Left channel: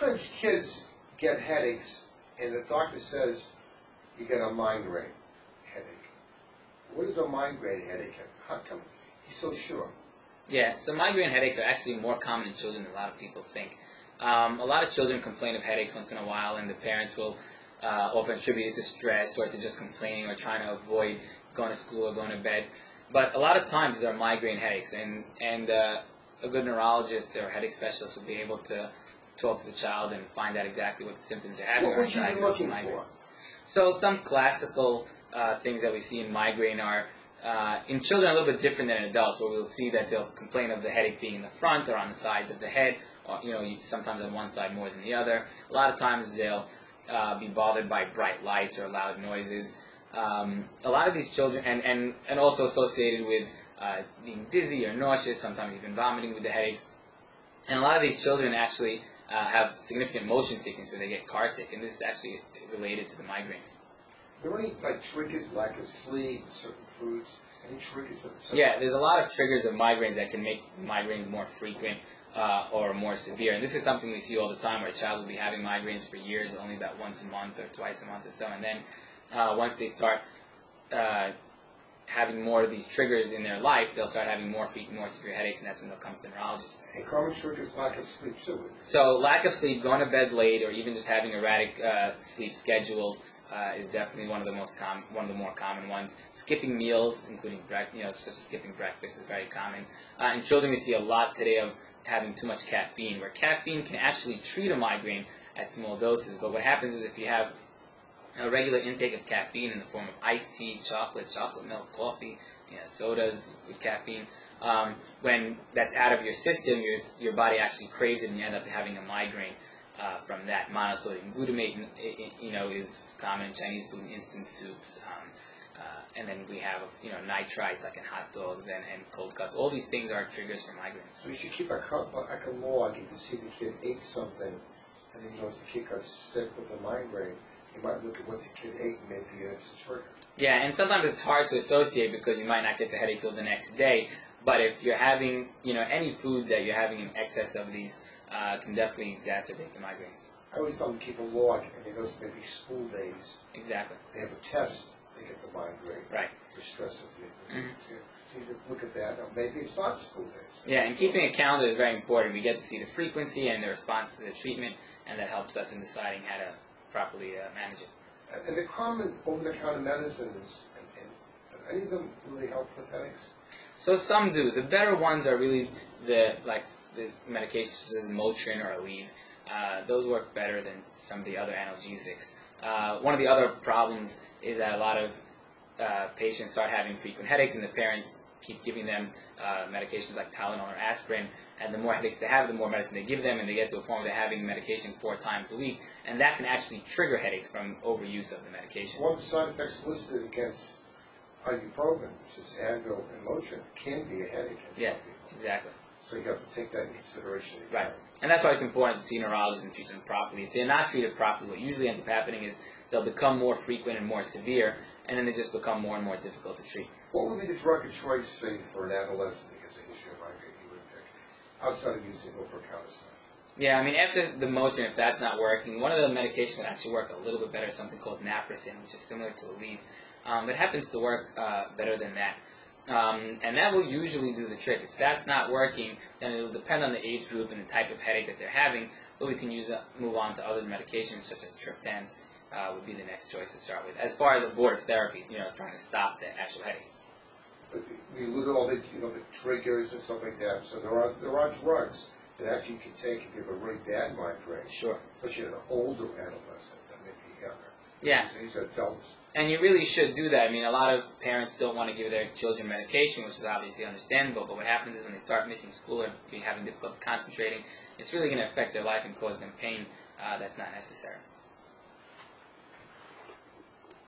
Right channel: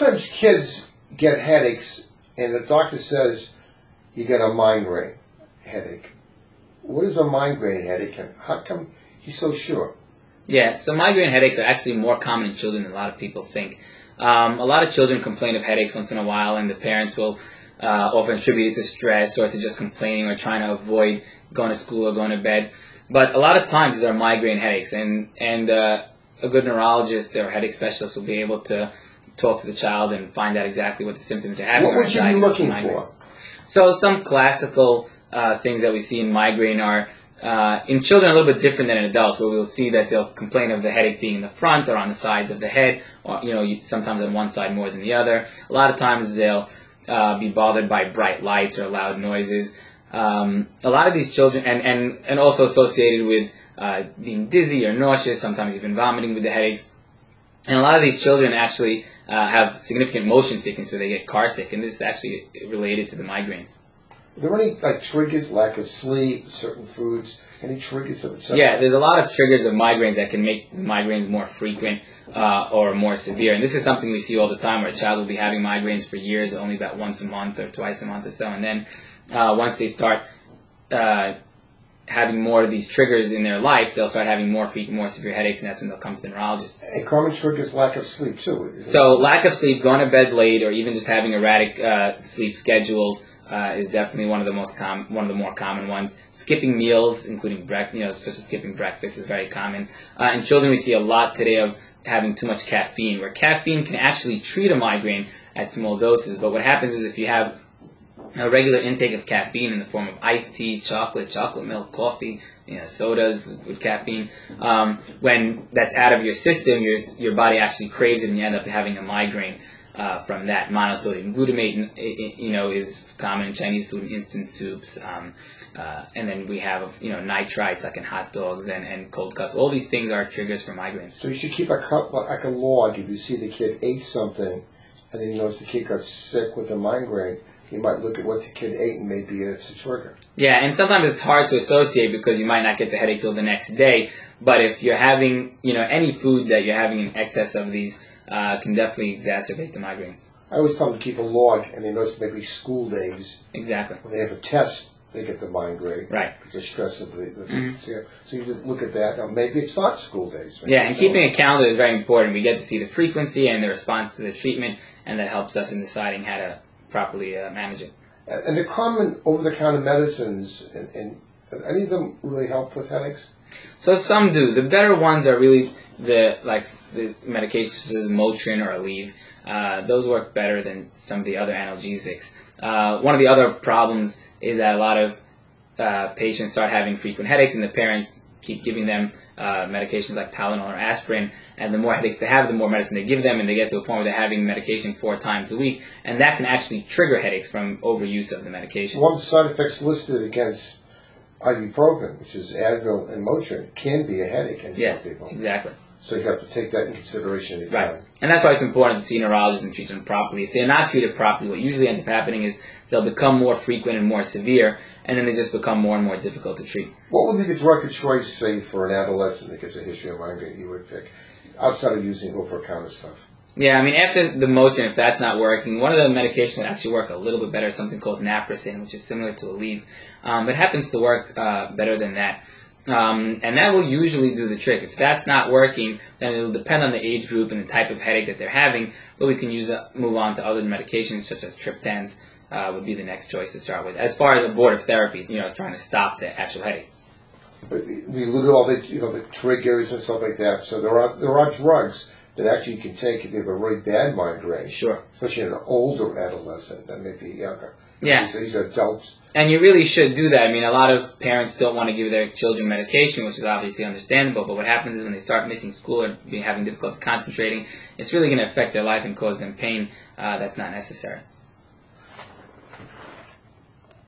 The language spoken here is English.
sometimes kids get headaches, and the doctor says you get a migraine headache. What is a migraine headache, and how come he's so sure? Yeah, so migraine headaches are actually more common in children than a lot of people think. A lot of children complain of headaches once in a while, and the parents will often attribute it to stress or to just complaining or trying to avoid going to school or going to bed. But a lot of times these are migraine headaches, and a good neurologist or headache specialist will be able to talk to the child and find out exactly what the symptoms are having. What would you be looking for? So some classical things that we see in migraine are in children a little bit different than in adults, where we'll see that they'll complain of the headache being in the front or on the sides of the head, or sometimes on one side more than the other. A lot of times they'll be bothered by bright lights or loud noises. A lot of these children, and also associated with being dizzy or nauseous, sometimes even vomiting with the headaches. And a lot of these children actually have significant motion sickness where they get car sick, and this is actually related to the migraines. Are there any triggers, lack of sleep, certain foods, any triggers of it? Yeah, there's a lot of triggers of migraines that can make migraines more frequent or more severe. And this is something we see all the time, where a child will be having migraines for years, only about once a month or twice a month or so. And then once they start having more of these triggers in their life, they'll start having more frequent, more severe headaches, and that's when they'll come to the neurologist. A common trigger is lack of sleep, too. So lack of sleep, going to bed late, or even just having erratic sleep schedules is definitely one of the more common ones. Skipping meals, including such as skipping breakfast, is very common. In children, we see a lot today of having too much caffeine, where caffeine can actually treat a migraine at small doses. But what happens is if you have a regular intake of caffeine in the form of iced tea, chocolate milk, coffee, sodas with caffeine, when that's out of your system, your body actually craves it, and you end up having a migraine from that. Monosodium glutamate, is common in Chinese food and instant soups, and then we have nitrites like in hot dogs and cold cuts. All these things are triggers for migraines. So you should keep a cup like a log. If you see the kid ate something, and then you notice the kid got sick with a migraine, you might look at what the kid ate, and maybe it's a trigger. Yeah, and sometimes it's hard to associate because you might not get the headache till the next day. But if you're having, any food that you're having in excess of these, can definitely exacerbate the migraines. I always tell them to keep a log, and they notice maybe school days. Exactly. When they have a test, they get the migraine. Right. The stress of the So you just look at that. Now, maybe it's not school days. Yeah, and keeping a calendar is very important. We get to see the frequency and the response to the treatment, and that helps us in deciding how to properly manage it. And the common over-the-counter medicines, and any of them really help with headaches? So some do. The better ones are really the medications such as Motrin or Aleve. Those work better than some of the other analgesics. One of the other problems is that a lot of patients start having frequent headaches, and the parents keep giving them medications like Tylenol or aspirin, and the more headaches they have, the more medicine they give them, and they get to a point where they're having medication 4 times a week, and that can actually trigger headaches from overuse of the medication. One of the side effects listed against ibuprofen, which is Advil and Motrin, can be a headache in some people. Exactly. So you have to take that in consideration. Right. And that's why it's important to see neurologists and treat them properly. If they're not treated properly, what usually ends up happening is they'll become more frequent and more severe, and then they just become more and more difficult to treat. What would be the drug of choice, say, for an adolescent that gets a history of migraine you would pick, outside of using over-the-counter stuff? Yeah, I mean, after the Motrin, if that's not working, one of the medications that actually work a little bit better is something called naproxen, which is similar to Aleve. But happens to work better than that. And that will usually do the trick. If that's not working, then it will depend on the age group and the type of headache that they're having, but we can move on to other medications such as triptans would be the next choice to start with. As far as abortive therapy, trying to stop the actual headache. But we look at all the the triggers and stuff like that. So there are drugs that actually you can take if you have a really bad migraine. Sure. Especially in an older adolescent than maybe younger. Yeah. These are adults. And you really should do that. I mean, a lot of parents don't want to give their children medication, which is obviously understandable, but what happens is when they start missing school or having difficulty concentrating, it's really going to affect their life and cause them pain that's not necessary.